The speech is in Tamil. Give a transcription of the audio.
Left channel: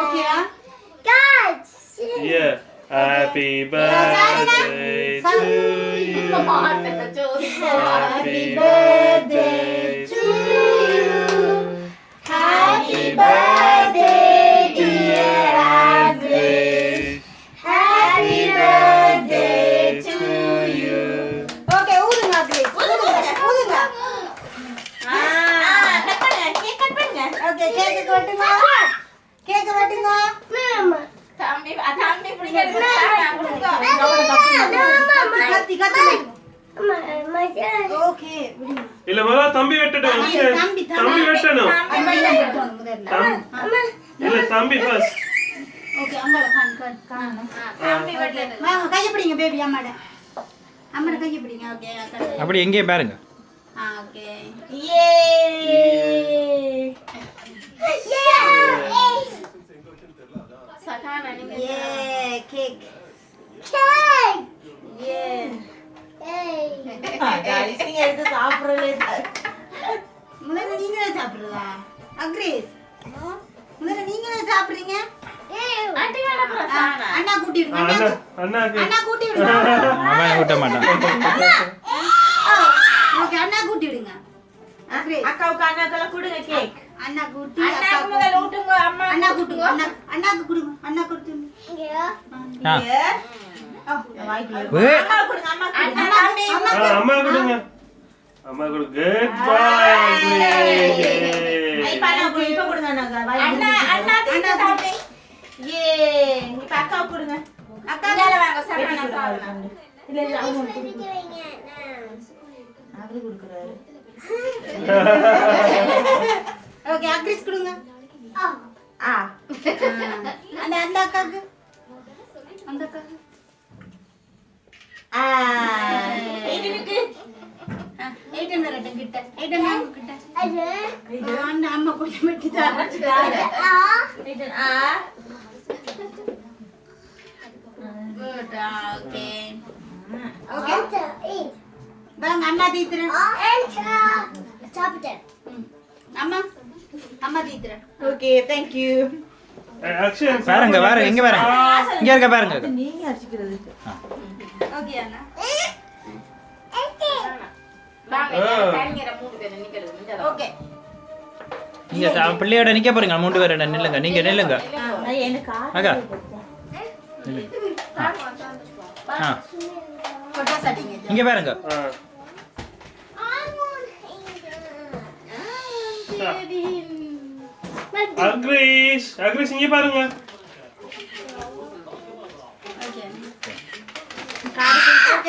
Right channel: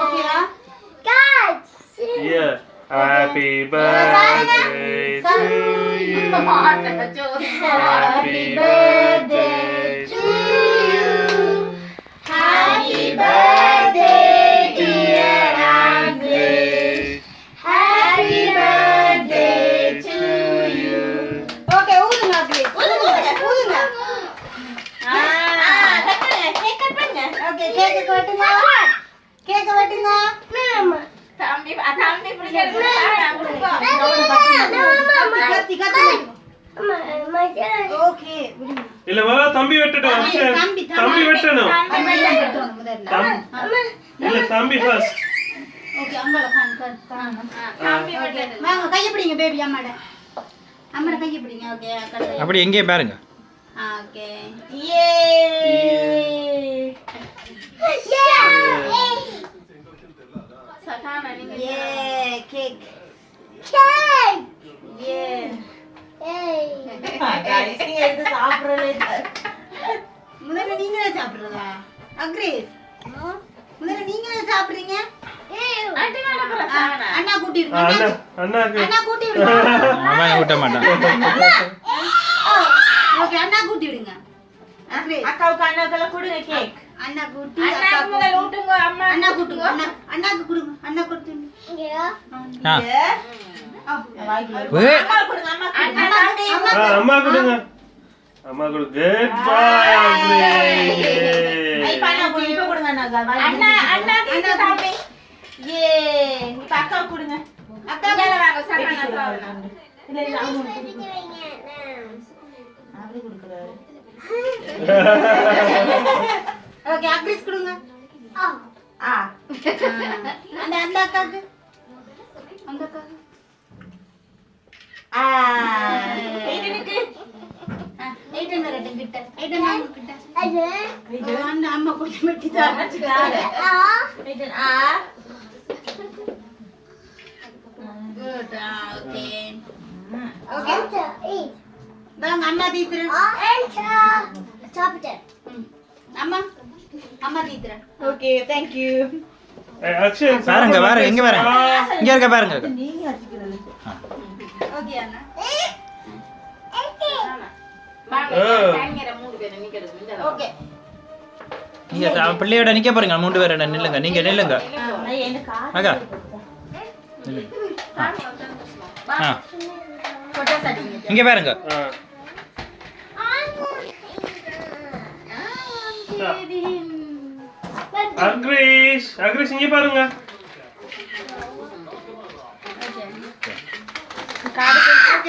ஓகேயா? Yeah. Happy birthday to you. Happy birthday to you. Happy birthday dear Agnes. Happy birthday to you. Okay, ஊதுங்க Agnes. ஊதுங்க. கேக் பண்ணுங்க. Okay, கேக் வெட்டுங்க. கேக் வெட்டுங்க. தம்பி பிடிங்க. கத்தி ஓகே விடுங்க. இல்ல முதல்ல தம்பி வெட்டட்டும். தம்பி வெட்டணும். இல்ல தம்பி ஃபர்ஸ்ட். ஓகே அம்மால கான் தம்பி வெட்டணும். வாங்க கைய பிடிங்க பேபி அம்மாட. அம்மாட கைய பிடிங்க. ஓகே அப்படி எங்கே பாருங்க. ஓகே யே சகானா நீங்க யே கேக் யே गाइस நீங்க எடுத்து சாப்பிடுறதே முதல்ல நீங்களே சாப்பிடுறதா அக்ரேஸ் முதல்ல நீங்களே சாப்பிடுறீங்க ஆண்டி வேணா பிரசானா அண்ணா கூட்டிடுங்க அண்ணா கூட்டிடுங்க அவன் கூட்ட மாட்டான் ஓகே அண்ணா கூட்டிடுங்க அக்ரேஸ் அக்காவுக்கு அண்ணாக்கெல்லாம் கொடுங்க கேக் அண்ணா கூட்டி அக்கா முதல்ல ஊட்டுங்க அம்மா அண்ணா கூட்டுங்க அண்ணாக்கு கொடுங்க அண்ணா கொடுத்துங்க அம்மா கொடுங்க. அம்மா கொடு. குட் பாய். ஐ பானா போய் இப்ப கொடுங்க அண்ணா தம்பி ஏ இப்ப அக்கா கொடுங்க அக்கா மேல வாங்க சரவணா சாப்பிடுங்க இல்ல அவங்க கொடுங்க அப்படி கொடுக்கறாரு ஓகே அக்ரிஸ் கொடுங்க அந்த அக்காக்கு எயிட்டனுக்கு எயிட்டன் வரட்டும் கிட்ட எயிட்டன் வாங்க கிட்ட அண்ணா அம்மா கொஞ்சம் வெட்டி தாங்க எயிட்டன் குட் ஓகே ஓகே வாங்க அண்ணா தீத்துற சாப்பிட்டேன் அம்மா தீத்துற ஓகே தேங்க் யூ பாருங்க பாருங்க இங்க பாருங்க இங்க இருக்க பாருங்க நீங்க அடிக்கிறது ஓகே அண்ணா ஓகே நீங்க பிள்ளையோட நிக்க போறீங்க 3 பேரோட நில்லுங்க நீங்க நில்லுங்க அக்கா இங்க பாருங்க அக்ரீஷ் இங்க பாருங்க